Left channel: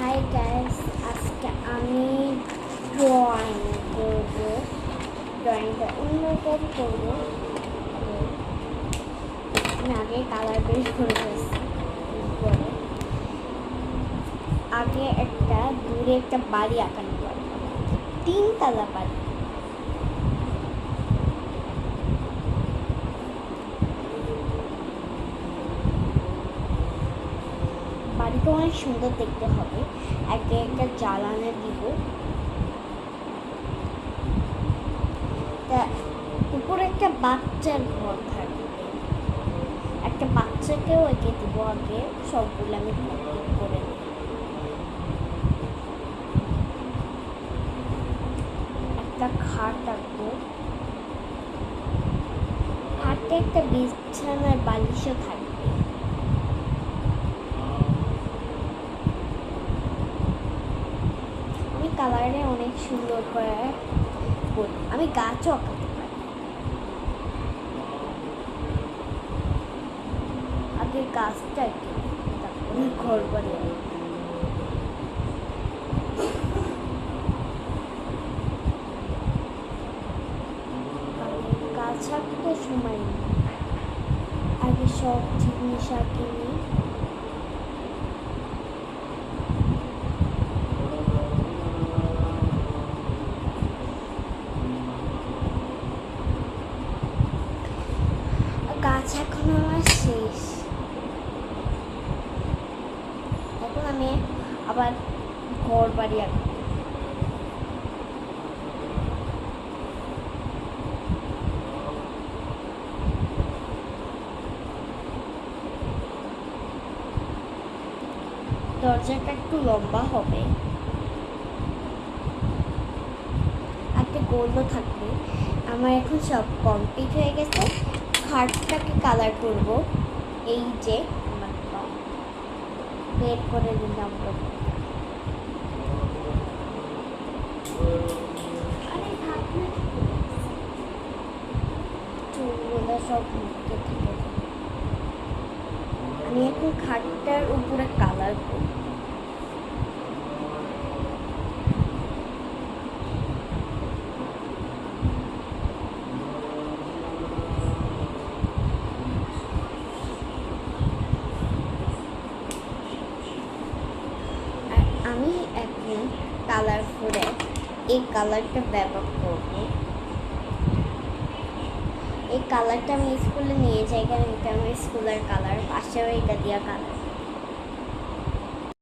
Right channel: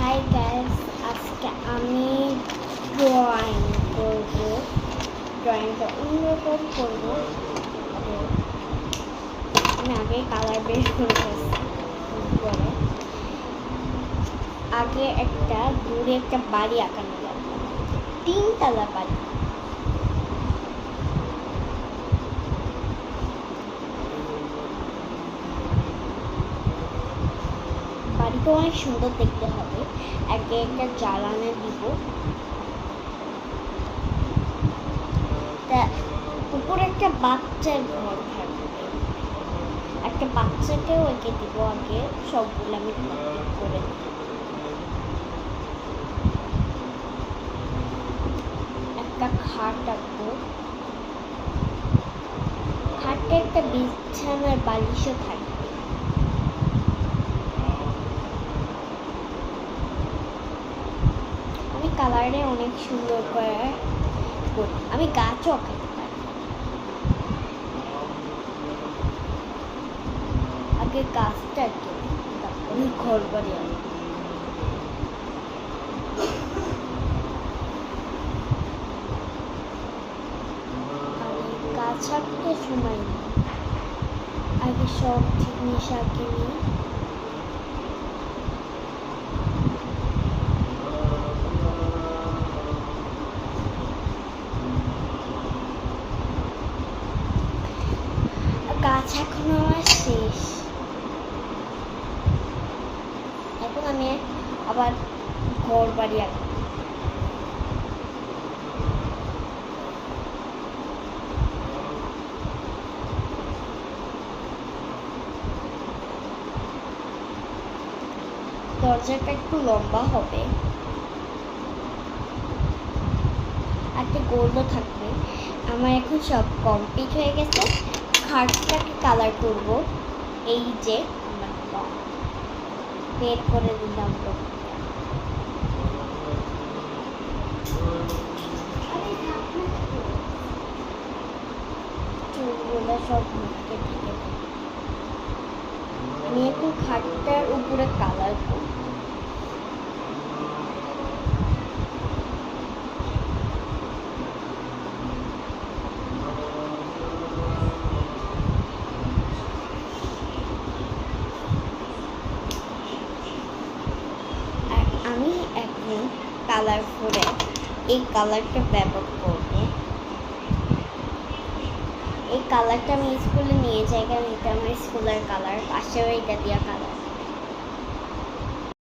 Hi guys, আজকে আমি drawing করব। ড্রয়িংটা অন্যরকম করব। আমি আগে কালার বের করে পরে আগে একটা দূরে একটা বাড়ি আঁকানো লাগবে, 3 তলা বাড়ি। বাড়িটা অনেক সুন্দর দেখতে হবে। আগে একটা জ্বালানা দিব, তা উপরে একটা বাচ্চার ঘর থাকবে। একটা বাচ্চাকেও এঁকে দিব। আগে সবগুলো আমি করে একটা খাট রাখবো। খাটে একটা বিছানার বালিশও থাকবে। আমি কালারে অনেক সুন্দর করে করি। আমি গাছও আঁকাতে পারি। আগে গাছটা আঁকি, তারপরে ঘর বাড়ি আঁকি। গাছ আঁকতে সময় নেই, আগে সব জিনিস আঁকে নিই। গাছ এখন আমার শেষ। এখন আমি আবার ঘর বাড়ি আঁকবো। দরজাটা একটু লম্বা হবে, একটা গোলও থাকবে। আমার এখন সব কমপ্লিট হয়ে গেছে। খাটটাকে কালার করব। এই যে আমার রং বের করে দিলাম, রংটা চুলগুলো সব মুখে থেকে। আমি এখন খাটটার উপরে কালার করব। আমি এখন কালারফুলে এই কালারটা ব্যবহার করব। এই কালারটা আমি স্কুলে নিয়ে যাই, কারণ এটা আমার স্কুলের কালার। পাশেও এটা দেওয়া কালার।